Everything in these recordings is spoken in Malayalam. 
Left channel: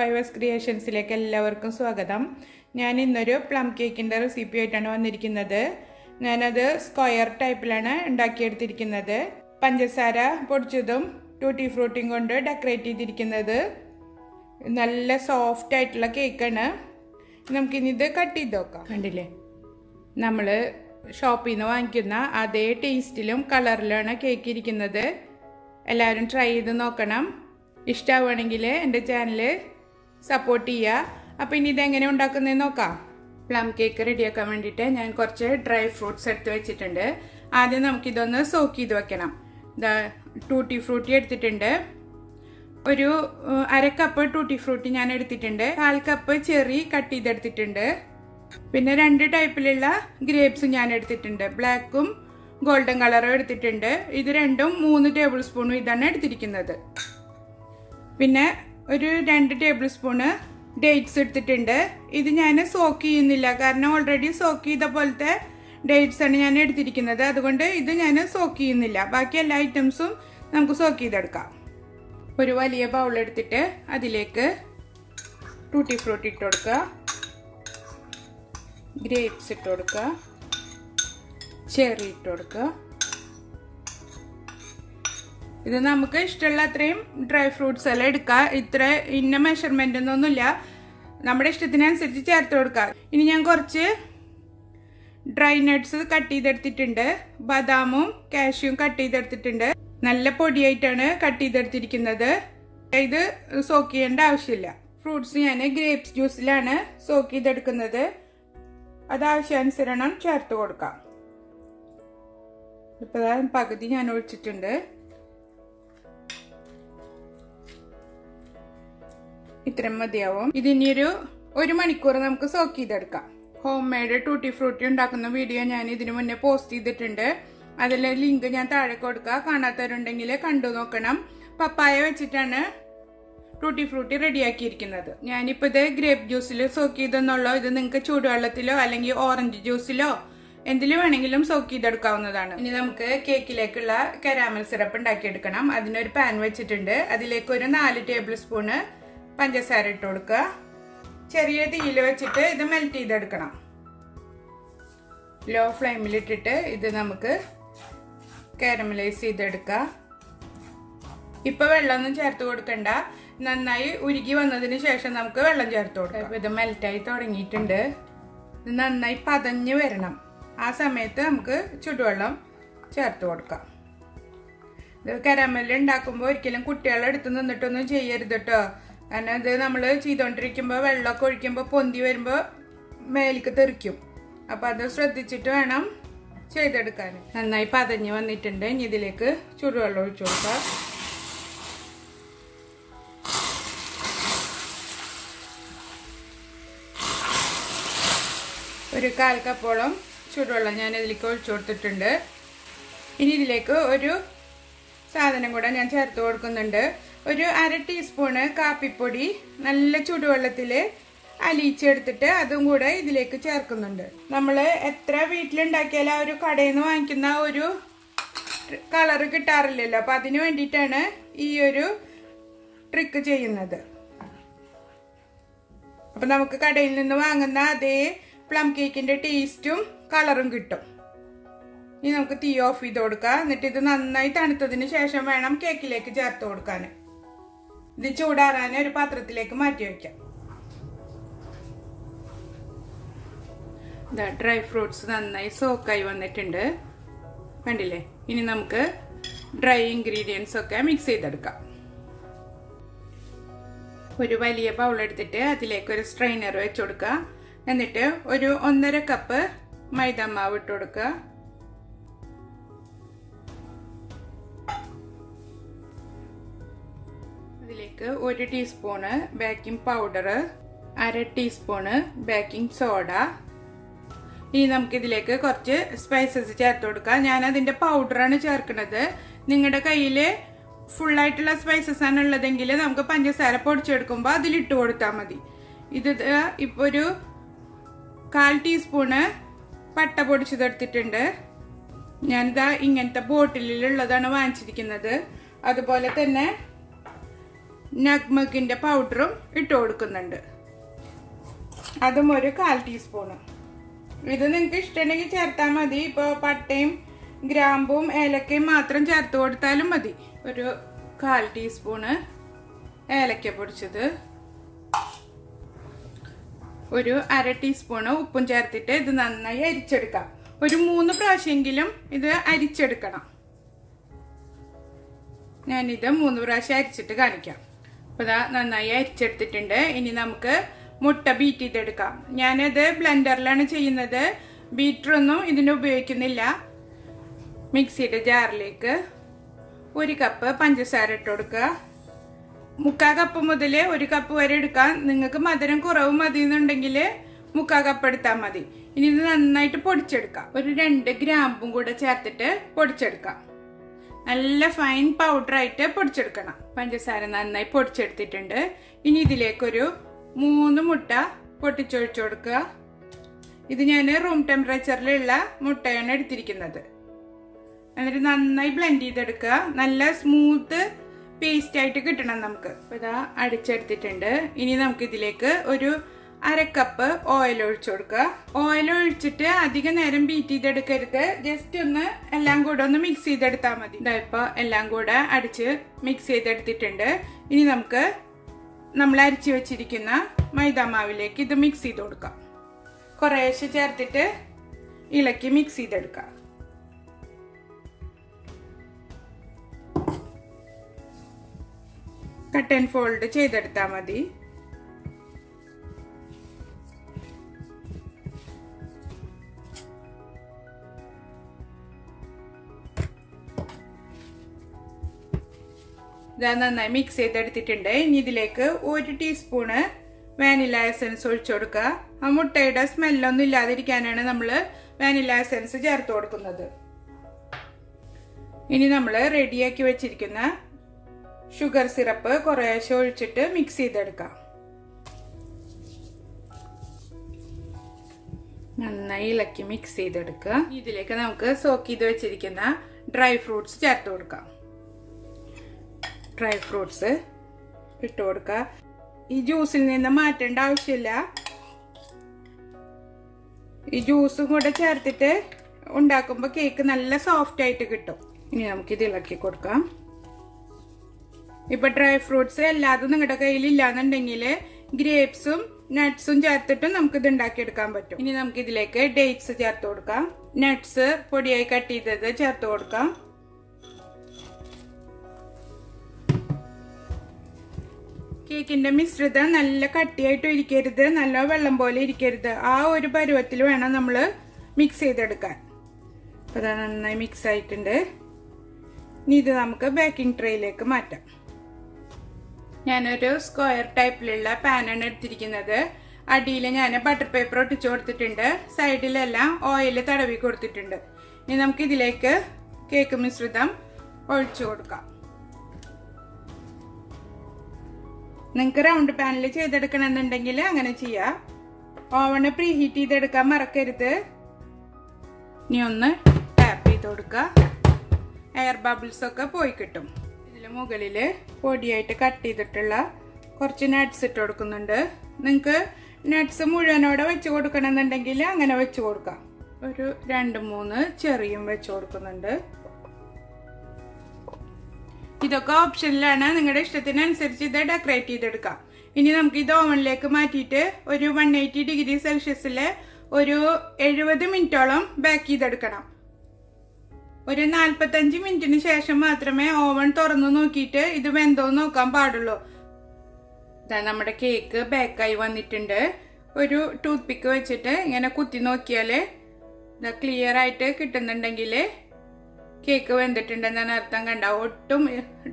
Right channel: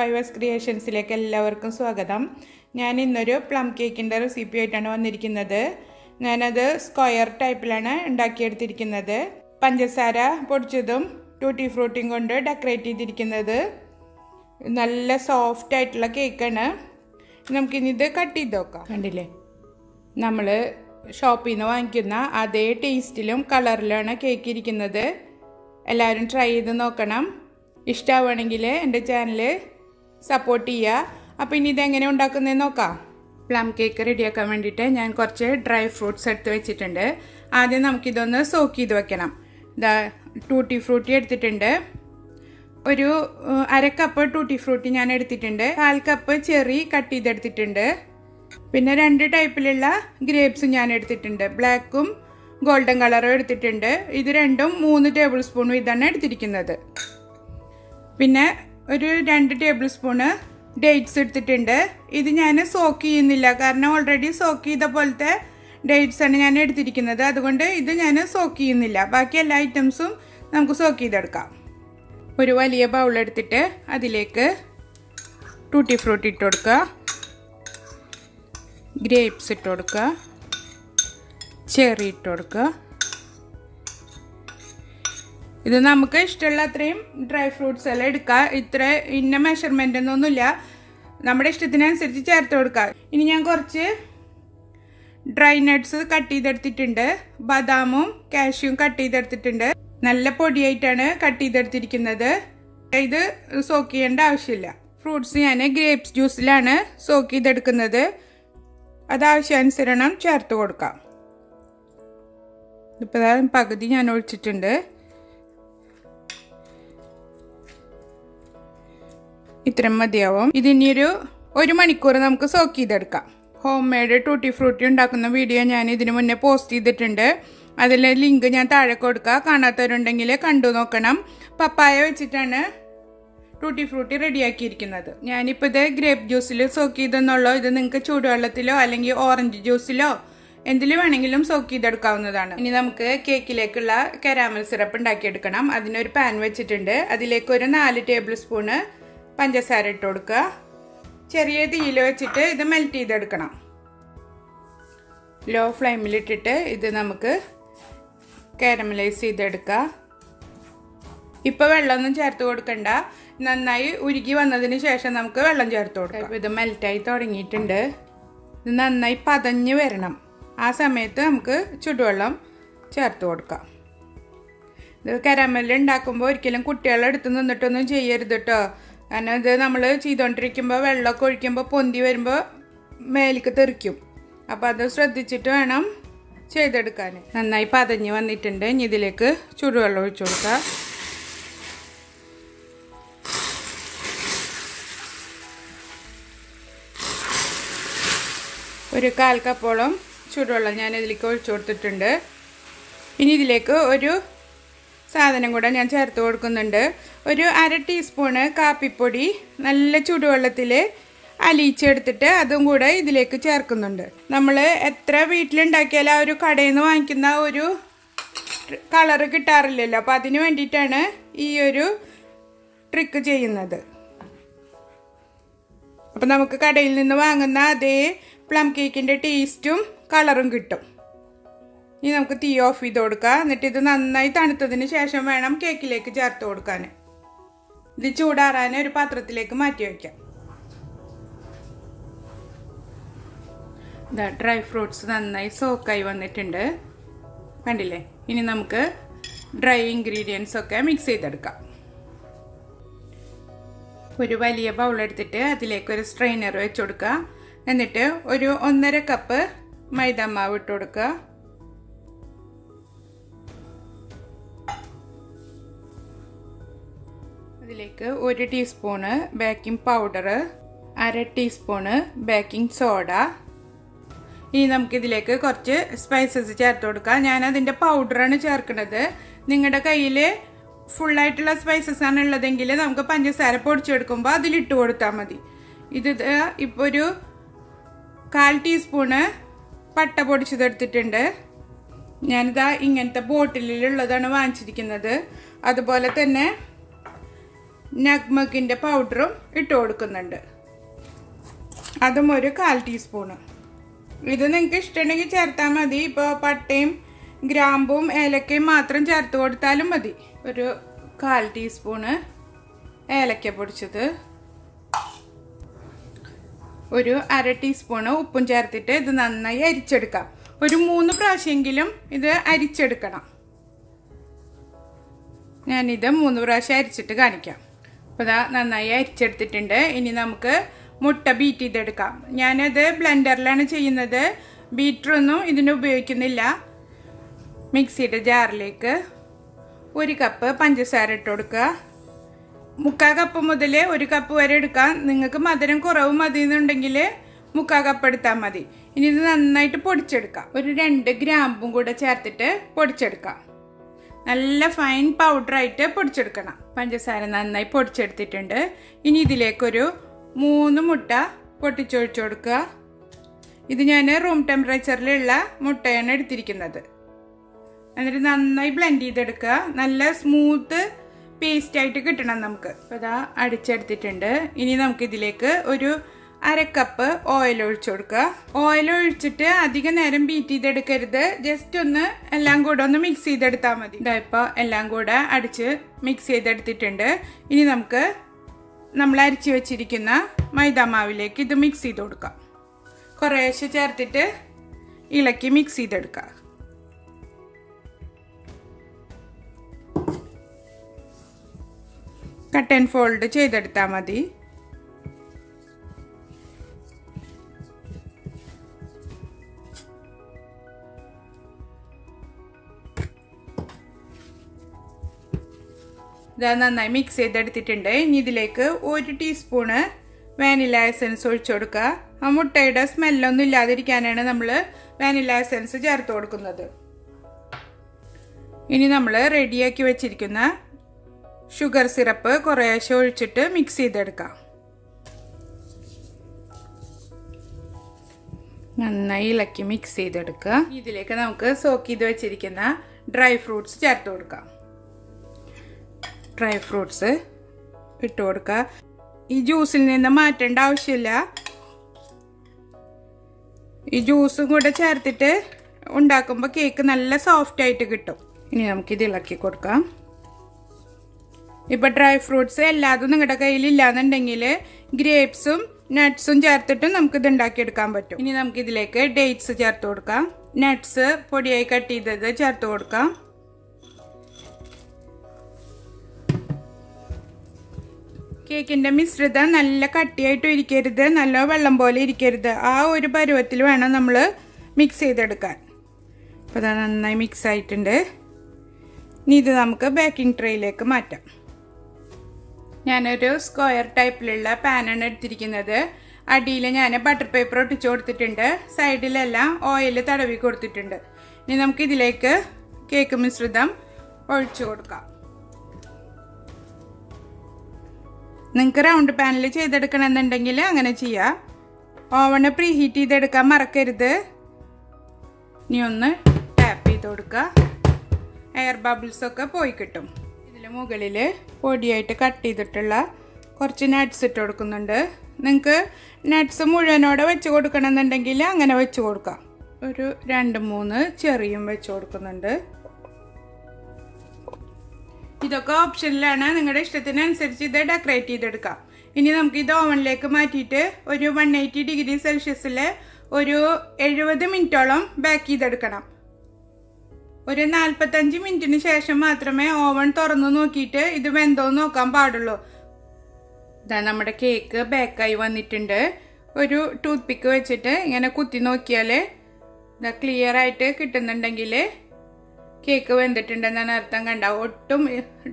ഫൈവേഴ്സ് ക്രിയേഷൻസിലേക്ക് എല്ലാവർക്കും സ്വാഗതം. ഞാൻ ഇന്നൊരു പ്ലം കേക്കിൻ്റെ റെസിപ്പി ആയിട്ടാണ് വന്നിരിക്കുന്നത്. ഞാനത് സ്ക്വയർ ടൈപ്പിലാണ് ഉണ്ടാക്കിയെടുത്തിരിക്കുന്നത്. പഞ്ചസാര പൊടിച്ചതും ടൂട്ടി ഫ്രൂട്ടിയും കൊണ്ട് ഡെക്കറേറ്റ് ചെയ്തിരിക്കുന്നത്. നല്ല സോഫ്റ്റ് ആയിട്ടുള്ള കേക്കാണ്. നമുക്കിനി ഇത് കട്ട് ചെയ്ത് നോക്കാം. കണ്ടില്ലേ, നമ്മൾ ഷോപ്പിൽ നിന്ന് വാങ്ങിക്കുന്ന അതേ ടേസ്റ്റിലും കളറിലാണ് കേക്ക് ഇരിക്കുന്നത്. എല്ലാവരും ട്രൈ ചെയ്ത് നോക്കണം. ഇഷ്ടമാവുകയാണെങ്കിൽ എൻ്റെ ചാനൽ സപ്പോർട്ട് ചെയ്യുക. അപ്പോൾ ഇനി ഇതെങ്ങനെ ഉണ്ടാക്കുന്നതെന്ന് നോക്കാം. പ്ലം കേക്ക് റെഡിയാക്കാൻ വേണ്ടിയിട്ട് ഞാൻ കുറച്ച് ഡ്രൈ ഫ്രൂട്ട്സ് എടുത്ത് വെച്ചിട്ടുണ്ട്. ആദ്യം നമുക്കിതൊന്ന് സോക്ക് ചെയ്ത് വെക്കണം. ഇതാ ടൂട്ടി ഫ്രൂട്ടി എടുത്തിട്ടുണ്ട്. ഒരു അര കപ്പ് ടൂട്ടി ഫ്രൂട്ടി ഞാൻ എടുത്തിട്ടുണ്ട്. 1/4 കപ്പ് ചെറി കട്ട് ചെയ്തെടുത്തിട്ടുണ്ട്. പിന്നെ 2 ടൈപ്പിലുള്ള ഗ്രേപ്സ് ഞാൻ എടുത്തിട്ടുണ്ട്. ബ്ലാക്കും ഗോൾഡൻ കളറും എടുത്തിട്ടുണ്ട്. ഇത് രണ്ടും 3 ടേബിൾ സ്പൂൺ വീതമാണ് എടുത്തിരിക്കുന്നത്. പിന്നെ ഒരു 2 ടേബിൾ സ്പൂണ് ഡേറ്റ്സ് എടുത്തിട്ടുണ്ട്. ഇത് ഞാൻ സോക്ക് ചെയ്യുന്നില്ല, കാരണം ഓൾറെഡി സോക്ക് ചെയ്ത പോലത്തെ ഡേറ്റ്സ് ആണ് ഞാൻ എടുത്തിരിക്കുന്നത്. അതുകൊണ്ട് ഇത് ഞാൻ സോക്ക് ചെയ്യുന്നില്ല. ബാക്കി എല്ലാ ഐറ്റംസും നമുക്ക് സോക്ക് ചെയ്തെടുക്കാം. ഒരു വലിയ ബൗൾ എടുത്തിട്ട് അതിലേക്ക് ടൂട്ടി ഫ്രൂട്ടി ഇട്ട് കൊടുക്കുക, ഗ്രേപ്സ് ഇട്ട് കൊടുക്കുക, ചെറി ഇട്ട് കൊടുക്കുക. ഇത് നമുക്ക് ഇഷ്ടമുള്ള അത്രയും ഡ്രൈ ഫ്രൂട്ട്സ് എല്ലാം എടുക്കുക. ഇത്ര ഇന്ന മെഷർമെൻ്റ് ഒന്നുമില്ല, നമ്മുടെ ഇഷ്ടത്തിനനുസരിച്ച് ചേർത്ത് കൊടുക്കുക. ഇനി ഞാൻ കുറച്ച് ഡ്രൈ നട്ട്സ് കട്ട് ചെയ്തെടുത്തിട്ടുണ്ട്. ബദാമും കാഷ്യൂം കട്ട് ചെയ്തെടുത്തിട്ടുണ്ട്. നല്ല പൊടിയായിട്ടാണ് കട്ട് ചെയ്തെടുത്തിരിക്കുന്നത്. ഇത് സോക്ക് ചെയ്യേണ്ട ആവശ്യമില്ല. ഫ്രൂട്ട്സ് ഞാൻ ഗ്രേപ്സ് ജ്യൂസിലാണ് സോക്ക് ചെയ്തെടുക്കുന്നത്. അത് ആവശ്യാനുസരണം ചേർത്ത് കൊടുക്കാം. ഇപ്പോൾ പകുതി ഞാൻ ഒഴിച്ചിട്ടുണ്ട്. ഇത്രയും മതിയാവും. ഇതിനൊരു 1 മണിക്കൂർ നമുക്ക് സോക്ക് ചെയ്തെടുക്കാം. ഹോം മെയ്ഡ് ടൂട്ടി ഫ്രൂട്ടി ഉണ്ടാക്കുന്ന വീഡിയോ ഞാൻ ഇതിനു മുന്നേ പോസ്റ്റ് ചെയ്തിട്ടുണ്ട്. അതിലെ ലിങ്ക് ഞാൻ താഴെ കൊടുക്കുക. കാണാത്തവരുണ്ടെങ്കിൽ കണ്ടു നോക്കണം. പപ്പായ വെച്ചിട്ടാണ് ടൂട്ടി ഫ്രൂട്ടി റെഡിയാക്കിയിരിക്കുന്നത്. ഞാനിപ്പോൾ ഇത് ഗ്രേപ്പ് ജ്യൂസിൽ സോക്ക് ചെയ്തെന്നുള്ളൂ. ഇത് നിങ്ങൾക്ക് ചൂടുവെള്ളത്തിലോ അല്ലെങ്കിൽ ഓറഞ്ച് ജ്യൂസിലോ എന്തിലും വേണമെങ്കിലും സോക്ക് ചെയ്തെടുക്കാവുന്നതാണ്. ഇനി നമുക്ക് കേക്കിലേക്കുള്ള കരാമൽ സിറപ്പ് ഉണ്ടാക്കിയെടുക്കണം. അതിനൊരു പാൻ വെച്ചിട്ടുണ്ട്. അതിലേക്ക് ഒരു 4 ടേബിൾ സ്പൂണ് പഞ്ചസാര ഇട്ട് കൊടുക്കുക. ചെറിയ തീയിൽ വെച്ചിട്ട് ഇത് മെൽറ്റ് ചെയ്തെടുക്കണം. ലോ ഫ്ലെയിമിലിട്ടിട്ട് ഇത് നമുക്ക് കാരമലൈസ് ചെയ്തെടുക്കാം. ഇപ്പൊ വെള്ളമൊന്നും ചേർത്ത് കൊടുക്കണ്ട. നന്നായി ഉരുകി വന്നതിന് ശേഷം നമുക്ക് വെള്ളം ചേർത്ത് കൊടുക്കാം. ഇത് മെൽറ്റായി തുടങ്ങിയിട്ടുണ്ട്. ഇത് നന്നായി പതഞ്ഞ് വരണം. ആ സമയത്ത് നമുക്ക് ചുടുവെള്ളം ചേർത്ത് കൊടുക്കാം. ഇത് കരാമൽ ഉണ്ടാക്കുമ്പോൾ ഒരിക്കലും കുട്ടികളെ എടുത്ത് നിന്നിട്ടൊന്നും ചെയ്യരുത് കേട്ടോ. കാരണം ഇത് നമ്മൾ ചെയ്തുകൊണ്ടിരിക്കുമ്പോൾ വെള്ളമൊക്കെ ഒഴിക്കുമ്പോൾ പൊന്തി വരുമ്പോൾ മേലേക്ക് തെറിക്കും. അപ്പം അത് ശ്രദ്ധിച്ചിട്ട് വേണം ചെയ്തെടുക്കാൻ. നന്നായി പതഞ്ഞ് വന്നിട്ടുണ്ട്. ഇനി ഇതിലേക്ക് ചൂടുവെള്ളം ഒഴിച്ചു കൊടുക്കാം. ഒരു 1/4 കപ്പോളം ചൂടുവെള്ളം ഞാൻ ഇതിലേക്ക് ഒഴിച്ചു കൊടുത്തിട്ടുണ്ട്. ഇനി ഇതിലേക്ക് ഒരു സാധനം കൂടെ ഞാൻ ചേർത്ത് കൊടുക്കുന്നുണ്ട്. ഒരു 1/2 ടീസ്പൂണ് കാപ്പിപ്പൊടി നല്ല ചൂടുവെള്ളത്തിൽ അലിയിച്ചെടുത്തിട്ട് അതും കൂടെ ഇതിലേക്ക് ചേർക്കുന്നുണ്ട്. നമ്മൾ എത്ര വീട്ടിലുണ്ടാക്കിയാലും ആ ഒരു കടയിൽ നിന്ന് വാങ്ങിക്കുന്ന ഒരു കളറ് കിട്ടാറില്ലല്ലോ. അപ്പം അതിന് വേണ്ടിയിട്ടാണ് ഈ ഒരു ട്രിക്ക് ചെയ്യുന്നത്. അപ്പം നമുക്ക് കടയിൽ നിന്ന് വാങ്ങുന്ന അതേ പ്ലം കേക്കിൻ്റെ ടേസ്റ്റും കളറും കിട്ടും. ഇനി നമുക്ക് തീ ഓഫ് ചെയ്ത് കൊടുക്കാം. എന്നിട്ട് ഇത് നന്നായി തണുത്തതിന് ശേഷം വേണം കേക്കിലേക്ക് ചേർത്ത് കൊടുക്കാൻ. ഇത് ചൂടാറാൻ ഒരു പാത്രത്തിലേക്ക് മാറ്റി വയ്ക്കാം. ഡ്രൈ ഫ്രൂട്ട്സ് നന്നായി സോക്കായി വന്നിട്ടുണ്ട്, കണ്ടില്ലേ. ഇനി നമുക്ക് ഡ്രൈ ഇൻഗ്രീഡിയൻസ് ഒക്കെ മിക്സ് ചെയ്തെടുക്കാം. ഒരു വലിയ ബൗൾ എടുത്തിട്ട് അതിലേക്ക് ഒരു സ്ട്രെയിനർ വെച്ച് കൊടുക്കുക. എന്നിട്ട് ഒരു 1.5 കപ്പ് മൈദാമാവ് ഇട്ട് കൊടുക്കുക. ഇതിലേക്ക് 1 teaspoon baking powder, 1/2 teaspoon baking soda. ഇനി നമുക്കിതിലേക്ക് കുറച്ച് സ്പൈസസ് ചേർത്ത് കൊടുക്കാം. ഞാൻ അതിൻ്റെ പൗഡറാണ് ചേർക്കുന്നത്. നിങ്ങളുടെ കയ്യിൽ ഫുള്ളായിട്ടുള്ള സ്പൈസസ് ആണ് ഉള്ളതെങ്കിൽ നമുക്ക് പഞ്ചസാര പൊടിച്ചെടുക്കുമ്പോൾ അതിലിട്ട് കൊടുത്താൽ മതി. ഇത് ഇപ്പോൾ ഒരു 1/4 ടീസ്പൂണ് പട്ട പൊടിച്ചതെടുത്തിട്ടുണ്ട്. ഞാനിതാ ഇങ്ങനത്തെ ബോട്ടിലുള്ളതാണ് വാങ്ങിച്ചിരിക്കുന്നത്. അതുപോലെ തന്നെ നഗ്മക്കിൻ്റെ പൗഡറും ഇട്ട് കൊടുക്കുന്നുണ്ട്. അതും ഒരു 1/4 ടീസ്പൂണ്. ഇത് നിങ്ങൾക്ക് ഇഷ്ടമുണ്ടെങ്കിൽ ചേർത്താൽ മതി. ഇപ്പോൾ പട്ടയും ഗ്രാമ്പും ഏലക്കയും മാത്രം ചേർത്ത് കൊടുത്താലും മതി. ഒരു 1/4 ടീസ്പൂണ് ഏലക്ക പൊടിച്ചത്, ഒരു 1/2 ടീസ്പൂണ് ഉപ്പും ചേർത്തിട്ട് ഇത് നന്നായി അരിച്ചെടുക്കാം. ഒരു 3 പ്രാവശ്യമെങ്കിലും ഇത് അരിച്ചെടുക്കണം. ഞാനിത് 3 പ്രാവശ്യം അരിച്ചിട്ട് കാണിക്കാം. അപ്പോൾ ഇതാ നന്നായി അരിച്ചെടുത്തിട്ടുണ്ട്. ഇനി നമുക്ക് മുട്ട ബീറ്റ് ചെയ്തെടുക്കാം. ഞാനത് ബ്ലെൻഡറിലാണ് ചെയ്യുന്നത്. ബീറ്ററൊന്നും ഇതിന് ഉപയോഗിക്കുന്നില്ല. മിക്സിയുടെ ജാറിലേക്ക് 1 കപ്പ് പഞ്ചസാര ഇട്ട് കൊടുക്കുക. 3/4 കപ്പ് മുതൽ 1 കപ്പ് വരെ എടുക്കാം. നിങ്ങൾക്ക് മധുരം കുറവ് മതി എന്നുണ്ടെങ്കിൽ 3/4 കപ്പ് എടുത്താൽ മതി. ഇനി ഇത് നന്നായിട്ട് പൊടിച്ചെടുക്കാം. ഒരു 2 ഗ്രാമ്പും കൂടെ ചേർത്തിട്ട് പൊടിച്ചെടുക്കാം. നല്ല ഫൈൻ പൗഡറായിട്ട് പൊടിച്ചെടുക്കണം. പഞ്ചസാര നന്നായി പൊടിച്ചെടുത്തിട്ടുണ്ട്. ഇനി ഇതിലേക്കൊരു 3 മുട്ട പൊട്ടിച്ചൊഴിച്ചു കൊടുക്കുക. ഇത് ഞാൻ റൂം ടെമ്പറേച്ചറിലുള്ള മുട്ടയാണ് എടുത്തിരിക്കുന്നത്. എന്നിട്ട് നന്നായി ബ്ലെൻഡ് ചെയ്തെടുക്കുക. നല്ല സ്മൂത്ത് പേസ്റ്റ് ആയിട്ട് കിട്ടണം നമുക്ക്. അപ്പോൾ ഇതാ അടിച്ചെടുത്തിട്ടുണ്ട്. ഇനി നമുക്ക് ഇതിലേക്ക് ഒരു 1/2 കപ്പ് ഓയിൽ ഒഴിച്ചു കൊടുക്കുക. ഓയിൽ ഒഴിച്ചിട്ട് അധിക നേരം ബീറ്റ് ചെയ്തെടുക്കരുത്. ജസ്റ്റ് ഒന്ന് എല്ലാം കൂടെ ഒന്ന് മിക്സ് ചെയ്തെടുത്താൽ മതി. ഇതായിപ്പോൾ എല്ലാം കൂടെ അടിച്ച് മിക്സ് ചെയ്തെടുത്തിട്ടുണ്ട്. ഇനി നമുക്ക് നമ്മൾ അരിച്ചു വെച്ചിരിക്കുന്ന മൈദാമാവിലേക്ക് ഇത് മിക്സ് ചെയ്ത് കൊടുക്കാം. കുറേശ്ശെ ചേർത്തിട്ട് ഇളക്കി മിക്സ് ചെയ്തെടുക്കുക. കട്ട് ആൻഡ് ഫോൾഡ് ചെയ്തെടുത്താൽ മതി. ഇത് നന്നായി മിക്സ് ചെയ്തെടുത്തിട്ടുണ്ട്. ഇനി ഇതിലേക്ക് 1 ടീസ്പൂണ് വാനില എസൻസ് ഒഴിച്ചു കൊടുക്കുക. ആ മുട്ടയുടെ സ്മെല്ലൊന്നും ഇല്ലാതിരിക്കാനാണ് നമ്മൾ വാനില എസൻസ് ചേർത്ത് കൊടുക്കുന്നത്. ഇനി നമ്മൾ റെഡിയാക്കി വെച്ചിരിക്കുന്ന ഷുഗർ സിറപ്പ് കുറേശ്ശെ ഒഴിച്ചിട്ട് മിക്സ് ചെയ്തെടുക്കാം. നന്നായി ഇളക്കി മിക്സ് ചെയ്തെടുക്കുക. ഇതിലേക്ക് നമുക്ക് സോക്ക് ചെയ്ത് വെച്ചിരിക്കുന്ന ഡ്രൈ ഫ്രൂട്ട്സ് ചേർത്ത് കൊടുക്കാം. ഡ്രൈ ഫ്രൂട്ട്സ് ഇട്ട് കൊടുക്കുക. ഈ ജ്യൂസിൽ നിന്ന് മാറ്റേണ്ട ആവശ്യമില്ല. ഈ ജ്യൂസും കൂടെ ചേർത്തിട്ട് ഉണ്ടാക്കുമ്പോൾ കേക്ക് നല്ല സോഫ്റ്റ് ആയിട്ട് കിട്ടും. ഇനി നമുക്കിത് ഇളക്കി കൊടുക്കാം. ഇപ്പം ഡ്രൈ ഫ്രൂട്ട്സ് എല്ലാതും നിങ്ങളുടെ കയ്യിൽ ഇല്ലാന്നുണ്ടെങ്കിൽ ഗ്രേപ്സും നട്ട്സും ചേർത്തിട്ട് നമുക്കിത് ഉണ്ടാക്കിയെടുക്കാൻ പറ്റും. ഇനി നമുക്കിതിലേക്ക് ഡേറ്റ്സ് ചേർത്ത് കൊടുക്കാം. നട്ട്സ് പൊടിയായി കട്ട് ചെയ്തത് ചേർത്ത് കൊടുക്കാം. കേക്കിൻ്റെ മിശ്രിതം നല്ല കട്ടിയായിട്ടും ഇരിക്കരുത്, നല്ല വെള്ളം പോലെ ഇരിക്കരുത്. ആ ഒരു പരുവത്തിൽ വേണം നമ്മൾ മിക്സ് ചെയ്തെടുക്കാൻ. അപ്പോൾ അത് നന്നായി മിക്സ് ആയിട്ടുണ്ട്. ഇനി ഇത് നമുക്ക് ബേക്കിംഗ് ട്രേയിലേക്ക് മാറ്റാം. ഞാനൊരു സ്ക്വയർ ടൈപ്പിലുള്ള പാനാണ് എടുത്തിരിക്കുന്നത്. അടിയിൽ ഞാൻ ബട്ടർ പേപ്പർ ഒട്ടിച്ചു കൊടുത്തിട്ടുണ്ട്. സൈഡിലെല്ലാം ഓയിൽ തടവി കൊടുത്തിട്ടുണ്ട്. ഇനി നമുക്ക് ഇതിലേക്ക് കേക്ക് മിശ്രിതം ഒഴിച്ചു കൊടുക്കാം. നിങ്ങൾക്ക് റൗണ്ട് പാനിൽ ചെയ്തെടുക്കണമെന്നുണ്ടെങ്കിൽ അങ്ങനെ ചെയ്യാം. ഓവണ് പ്രീ ഹീറ്റ് ചെയ്തെടുക്കാൻ മറക്കരുത്. ഇനി ഒന്ന് ടാപ്പ് ചെയ്ത് കൊടുക്കുക. എയർ ബബിൾസ് ഒക്കെ പോയി കിട്ടും. ഇതിൽ മുകളിൽ പൊടിയായിട്ട് കട്ട് ചെയ്തിട്ടുള്ള കുറച്ച് നട്ട്സ് ഇട്ട് കൊടുക്കുന്നുണ്ട്. നിങ്ങൾക്ക് നട്ട്സ് മുഴുവനോടെ വെച്ച് കൊടുക്കണമെന്നുണ്ടെങ്കിൽ അങ്ങനെ വെച്ച് കൊടുക്കാം. ഒരു 2-3 ചെറിയും വെച്ച് കൊടുക്കുന്നുണ്ട്. ഇതൊക്കെ ഓപ്ഷനിലാണ്. നിങ്ങളുടെ ഇഷ്ടത്തിനനുസരിച്ച് ഇത് ഡെക്കറേറ്റ് ചെയ്തെടുക്കാം. ഇനി നമുക്ക് ഇത് ഓവനിലേക്ക് മാറ്റിയിട്ട് ഒരു 180 ഡിഗ്രി സെൽഷ്യസിൽ ഒരു 70 മിനിറ്റോളം ബേക്ക് ചെയ്തെടുക്കണം. ഒരു 45 മിനിറ്റിന് ശേഷം മാത്രമേ ഓവൻ തുറന്നു നോക്കിയിട്ട് ഇത് വെന്തോന്ന് നോക്കാൻ പാടുള്ളൂ. ഇതാ നമ്മുടെ കേക്ക് ബേക്കായി വന്നിട്ടുണ്ട്. ഒരു ടൂത്ത് പിക്ക് വെച്ചിട്ട് ഇങ്ങനെ കുത്തി നോക്കിയാൽ ഇതാ ക്ലിയർ ആയിട്ട് കിട്ടുന്നുണ്ടെങ്കിൽ കേക്ക് വെന്തിട്ടുണ്ടെന്നാണ് അർത്ഥം. കണ്ട ഒട്ടും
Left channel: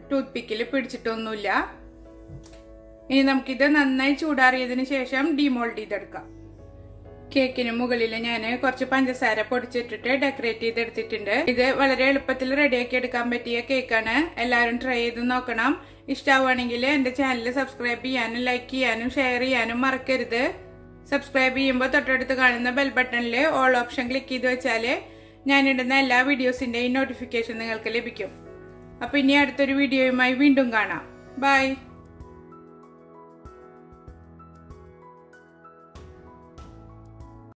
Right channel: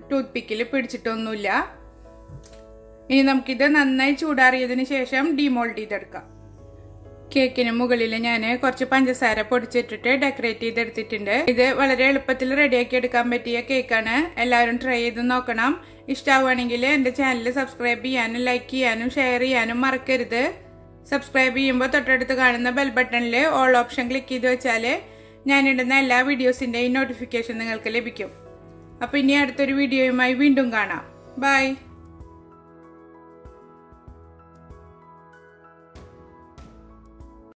ടൂത്ത് പിക്കിൽ പിടിച്ചിട്ടൊന്നുമില്ല. ഇനി നമുക്കിത് നന്നായി ചൂടാറിയതിന് ശേഷം ഡിമോൾഡ് ചെയ്തെടുക്കാം. കേക്കിന് മുകളിൽ ഞാൻ കുറച്ച് പഞ്ചസാര പൊടിച്ചിട്ടിട്ട് ഡെക്കറേറ്റ് ചെയ്തെടുത്തിട്ടുണ്ട്. ഇത് വളരെ എളുപ്പത്തിൽ റെഡിയാക്കി എടുക്കാൻ പറ്റിയ കേക്കാണ്. എല്ലാവരും ട്രൈ ചെയ്ത് നോക്കണം. ഇഷ്ടമാവുകയാണെങ്കിൽ എൻ്റെ ചാനൽ സബ്സ്ക്രൈബ് ചെയ്യാനും ലൈക്ക് ചെയ്യാനും ഷെയർ ചെയ്യാനും മറക്കരുത്. സബ്സ്ക്രൈബ് ചെയ്യുമ്പോൾ തൊട്ടടുത്ത് കാണുന്ന ബെൽ ബട്ടണിൽ ഓൾ ഓപ്ഷൻ ക്ലിക്ക് ചെയ്ത് വെച്ചാൽ ഞാനിടുന്ന എല്ലാ വീഡിയോസിൻ്റെയും നോട്ടിഫിക്കേഷൻ നിങ്ങൾക്ക് ലഭിക്കും. അപ്പോൾ ഇനി അടുത്തൊരു വീഡിയോയുമായി വീണ്ടും കാണാം. ബൈ.